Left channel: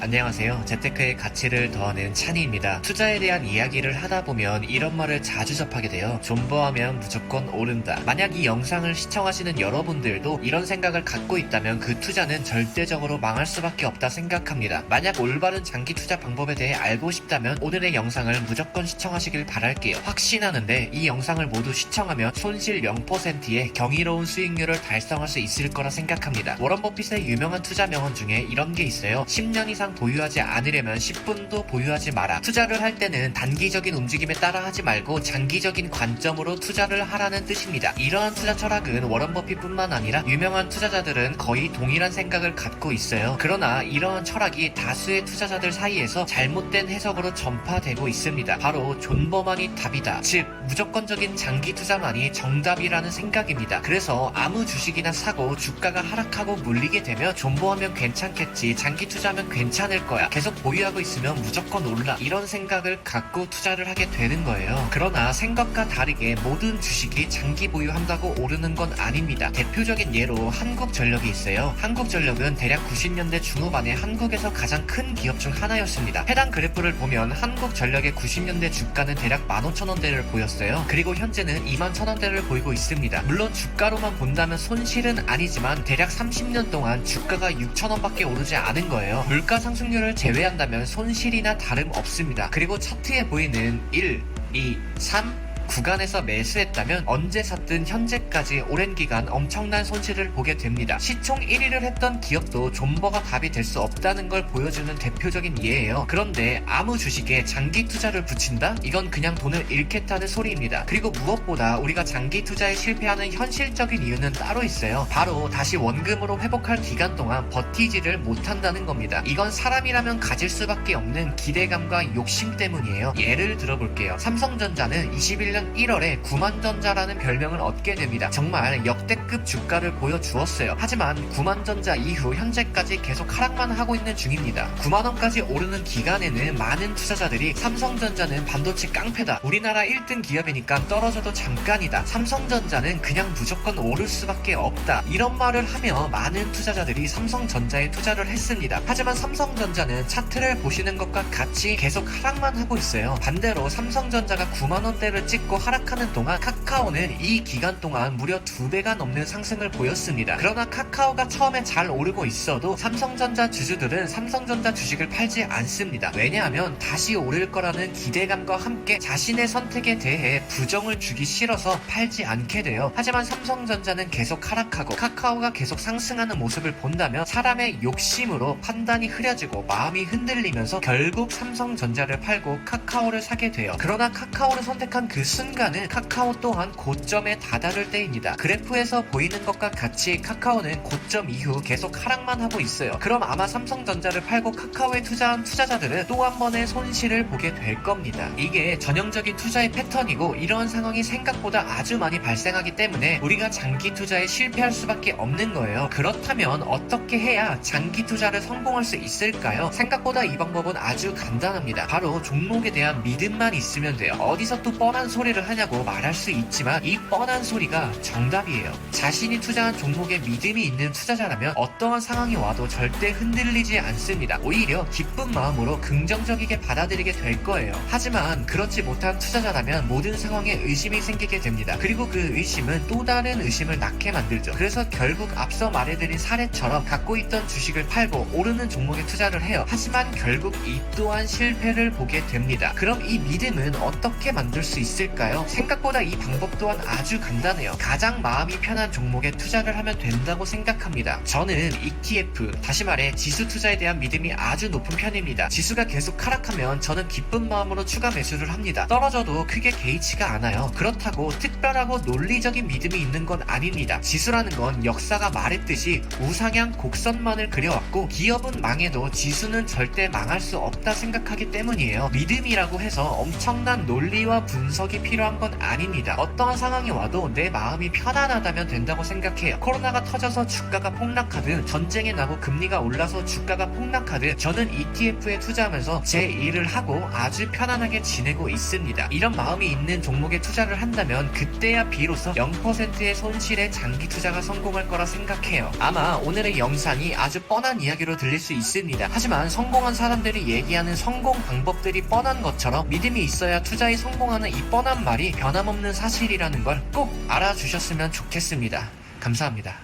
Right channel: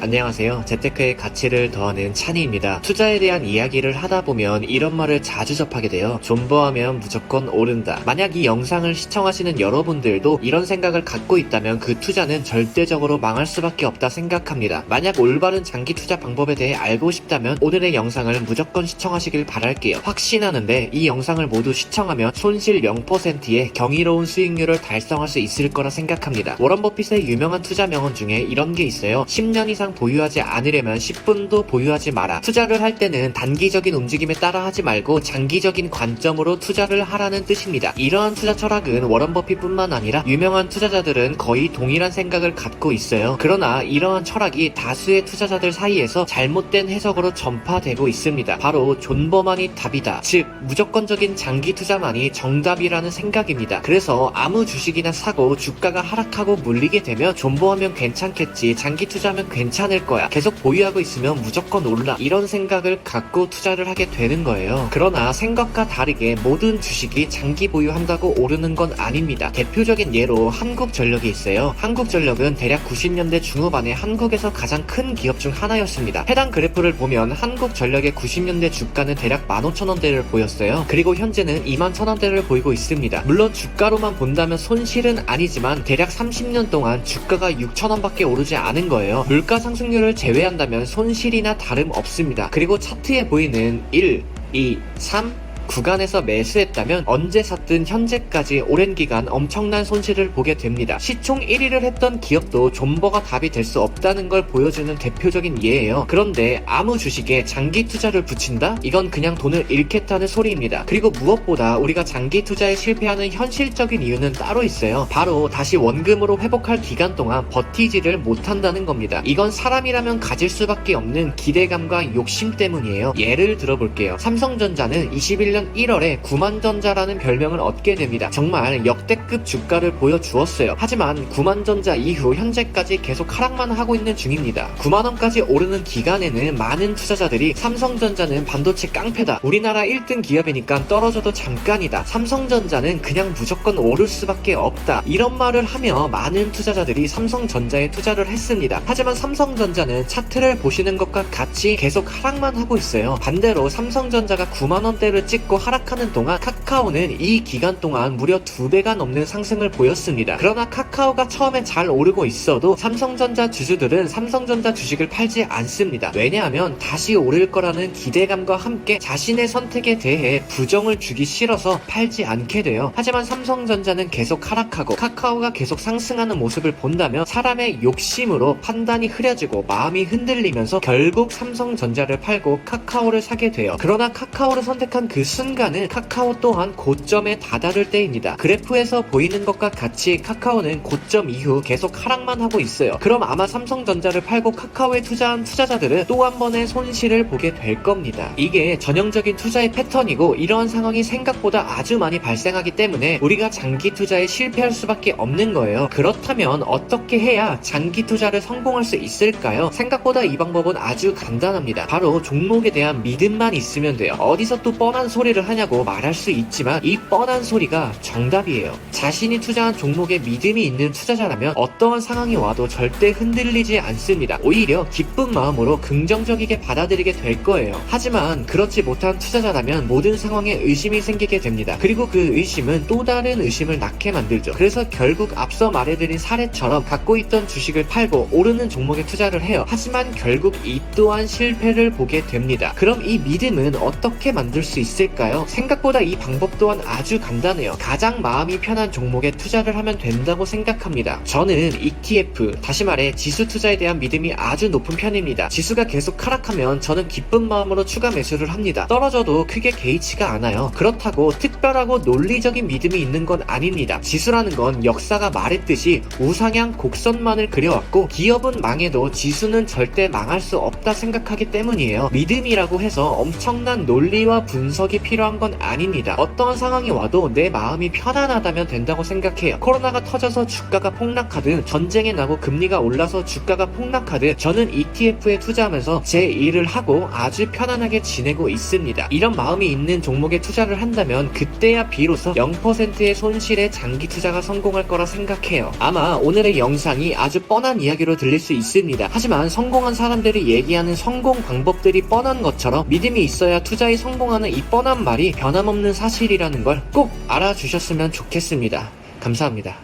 안녕하세요. 재테크의 가치를 더하는 찬이입니다. 투자에 대한 이야기를 하다 보면 이런 말을 자주 접하게 돼요. 존버하면 무조건 오른다. 만약 이 영상을 시청하시는 여러분들도 이런 생각을 갖고 있다면 그 투자는 절대적으로 망할 수밖에 없다 생각합니다. 만약 올바른 장기 투자 방법에 대해 알고 싶다면 오늘의 영상을 무조건 시청하시길 바랄게요. 확신하는데 이 영상을 모두 시청하면 손실 0%의 경이로운 수익률을 달성할 수 있을 거라 생각합니다. 워런 버핏의 유명한 투자 명언 중에 이런 게 있어요. 10년 이상 보유하지 않으려면 10분도 보유하지 마라. 투자를 할 때는 단기적인 움직임에 따라 하지 말고 장기적인 관점으로 투자를 하라는 뜻입니다. 이러한 투자 철학은 워런 버핏뿐만 아니라 유명한 투자자들은 거의 동일한 생각을 갖고 있어요. 그러나 이러한 철학이 다수의 투자자들 사이에서 잘못된 해석으로 전파되고 있습니다. 바로 존버만이 답이다. 즉 무조건적인 장기 투자만이 정답이라는 생각입니다. 그래서 아무 주식이나 사고 주가가 하락하고 물리게 되면 존버하면 괜찮겠지, 장기 투자하면 괜찮을 거야, 계속 보유하고 있으면 무조건 올라, 이런 생각을 갖고 투자를 하게 되는 거예요. 그러나 생각과 다르게 모든 주식이 장기 보유한다고 오르는 건 아닙니다. 대표적인 예로 한국전력이 있어요. 한국전력은 대략 90년대 중후반에 한국에서 가장 큰 기업 중 하나였습니다. 해당 그래프를 보면 한국전력의 90년대 주가는 대략 15,000원대를 보였어요. 그리고 현재는 21,000원대를 보이고 있습니다. 물론 주가로만 본다면 손실은 아니지만 대략 30년 동안 주가가 6,000원밖에 오르지 않은 거예요. 물가 상승률을 제외한다면 손실이나 다름없습니다. 그리고 차트에 보이는 1, 2, 3 구간에서 매수했다면 언제 샀든 현재까지 오랜 기간 엄청난 손실을 보게 됩니다. 시총 1위를 했던 기업도 존버가 답이 될 수 없다는 걸 보여주는 대표적인 예예요. 그런데 아무 주식에 장기 투자를 붙인다? 이건 그냥 돈을 잃겠다는 소리입니다. 그리고 무엇보다 우리가 장기 투자에 실패하는 현실적인 이유는 따로 있어요. 바로 다시 원금으로 회복할 기간 동안 버티지를 못한다는 겁니다. 이건 사람이라면 가질 수밖에 없는 기대감과 욕심 때문이에요. 예를 들어볼게요. 삼성전자는 21년 1월에 9만전자라는 별명을 얻게 됩니다. 정말 역대급 주가를 보여주었어요. 하지만 9만전자 이후 현재까지 계속 하락만 하고 있는 중입니다. 9만원까지 오르는 기간에는 많은 투자자들이 삼성전자는 반도체 깡패다, 우리나라 1등 기업이니까 떨어져도 잠깐이다, 삼성전자는 그냥 무조건 오를 수밖에 없다, 이런 말을 하며 많은 투자자들이 삼성전자에 투자를 했습니다. 하지만 삼성전자는 차트를 보시는 것과 같이 계속 하락만 하고 있어요. 반대로 삼성전자가 9만원대를 찍고 하락하는 동안 카카오는 이 기간 동안 무려 2배가 넘는 상승을 보였습니다. 그러나 카카오가 처음엔 잘 오르고 있어도 삼성전자 주주들은 삼성전자 주식을 팔지 않습니다. 왜냐하면 다시 오를 거라는 기대감과 함께 자신의 선택에 대해 부정을 주기 싫어서 팔지 않게 돼요. 하지만 삼성전자는 계속 하락하고 카카오가 계속 상승하는 모습을 본다면 사람의 욕심으로 판단이 흐려지고 마음이 흔들리면서 결국 삼성전자를 팔고 카카오를 사게 돼요. 그러나 카카오를 선택한 그 순간은 카카오 또한 고점에 다다를 때입니다. 그래프에서 보이는 것과 같이 카카오는 고점 이후 계속 하락만 하고 있어요. 그럼 아마 삼성전자를 팔고 카카오에 투자한 투자자들은 또 한 번의 손실을 보게 될 겁니다. 이게 전형적인 투자의 패턴이고 이러한 상황이 생각보다 아주 많이 발생하기 때문에 우리가 장기 투자에 실패할 수밖에 없는 거예요. 그렇다면 어떻게 해야 장기 투자를 성공할 수 있을까요? 생각보다 이 방법은 아주 간단합니다. 바로 종목에 대한 믿음만 있으면 돼요. 어디서 또 뻔한 소리를 하냐고 말할 수 있지만 이 뻔한 소리가 정답이에요. 자신이 투자한 종목에 믿음이 있는 투자자라면 어떠한 상황이 와도 절대 흔들리지 않습니다. 오히려 기쁜 마음으로 긍정적이게 받아들이게 될 거예요. 하지만 그렇지 못한 투자자라면 모든 상황에 의심이 생기게 됩니다. 그리고 그 의심은 또 다른 의심을 낳게 만들죠. 그래서 결국 앞서 말해드린 사례처럼 갖고 있던 주식을 팔고 오르는 종목에 투자를 해요. 하지만 결국 이 또한 실패를 보게 됩니다. 그럼 이 믿음은 어떻게 만들 수 있을까요? 생각보다 이 방법 또한 아주 간단해요. 가장 마음이 편한 종목에 투자를 하면 된다고 생각합니다. 저는 ETF, 다시 말해 지수 투자에 대한 믿음이 아주 높은 편입니다. 지수가 계속 하락하면 저는 기쁜 마음으로 추가 매수를 합니다. 떨어져도 크게 개의치가 않아요. 그렇다고 특별하고 논리적인 믿음이 있는 건 아닙니다. 지수라는 건 역사가 말했듯이 우상향 곡선만을 그려왔고 기업은 망해도 지수는 절대 망할 수 없다 생각하기 때문이에요. 믿음이라고 해서 엄청난 논리와 분석이 생각이 필요한 건 아닙니다. 어떠한 상황이 와도 내 마음이 편안하다면 된다고 생각해요. 코로나가 터져서 주가가 폭락하든 전쟁이 나고 금리가 올라서 주가가 폭락하든 저는 ETF에 투자하면서 제 일을 하고 아주 편안하게 지내고 있습니다. 이런 마음이 있는 종목에 투자를 한다면 그때야 비로소 0%의 손실에 장기 투자가 성공할 거라 생각해요. 아마 오늘의 영상이 아주 뻔한 이야기로 들릴 수 있습니다. 하지만 성공한 사람들이 얘기하는 성공 방법들이 뻔한 것처럼 믿음이 있어야 투자에 성공하는 이 뻔한 말이 변함없는 사실이라는 걸 꼭 알아주셨으면 좋겠습니다. 감사합니다.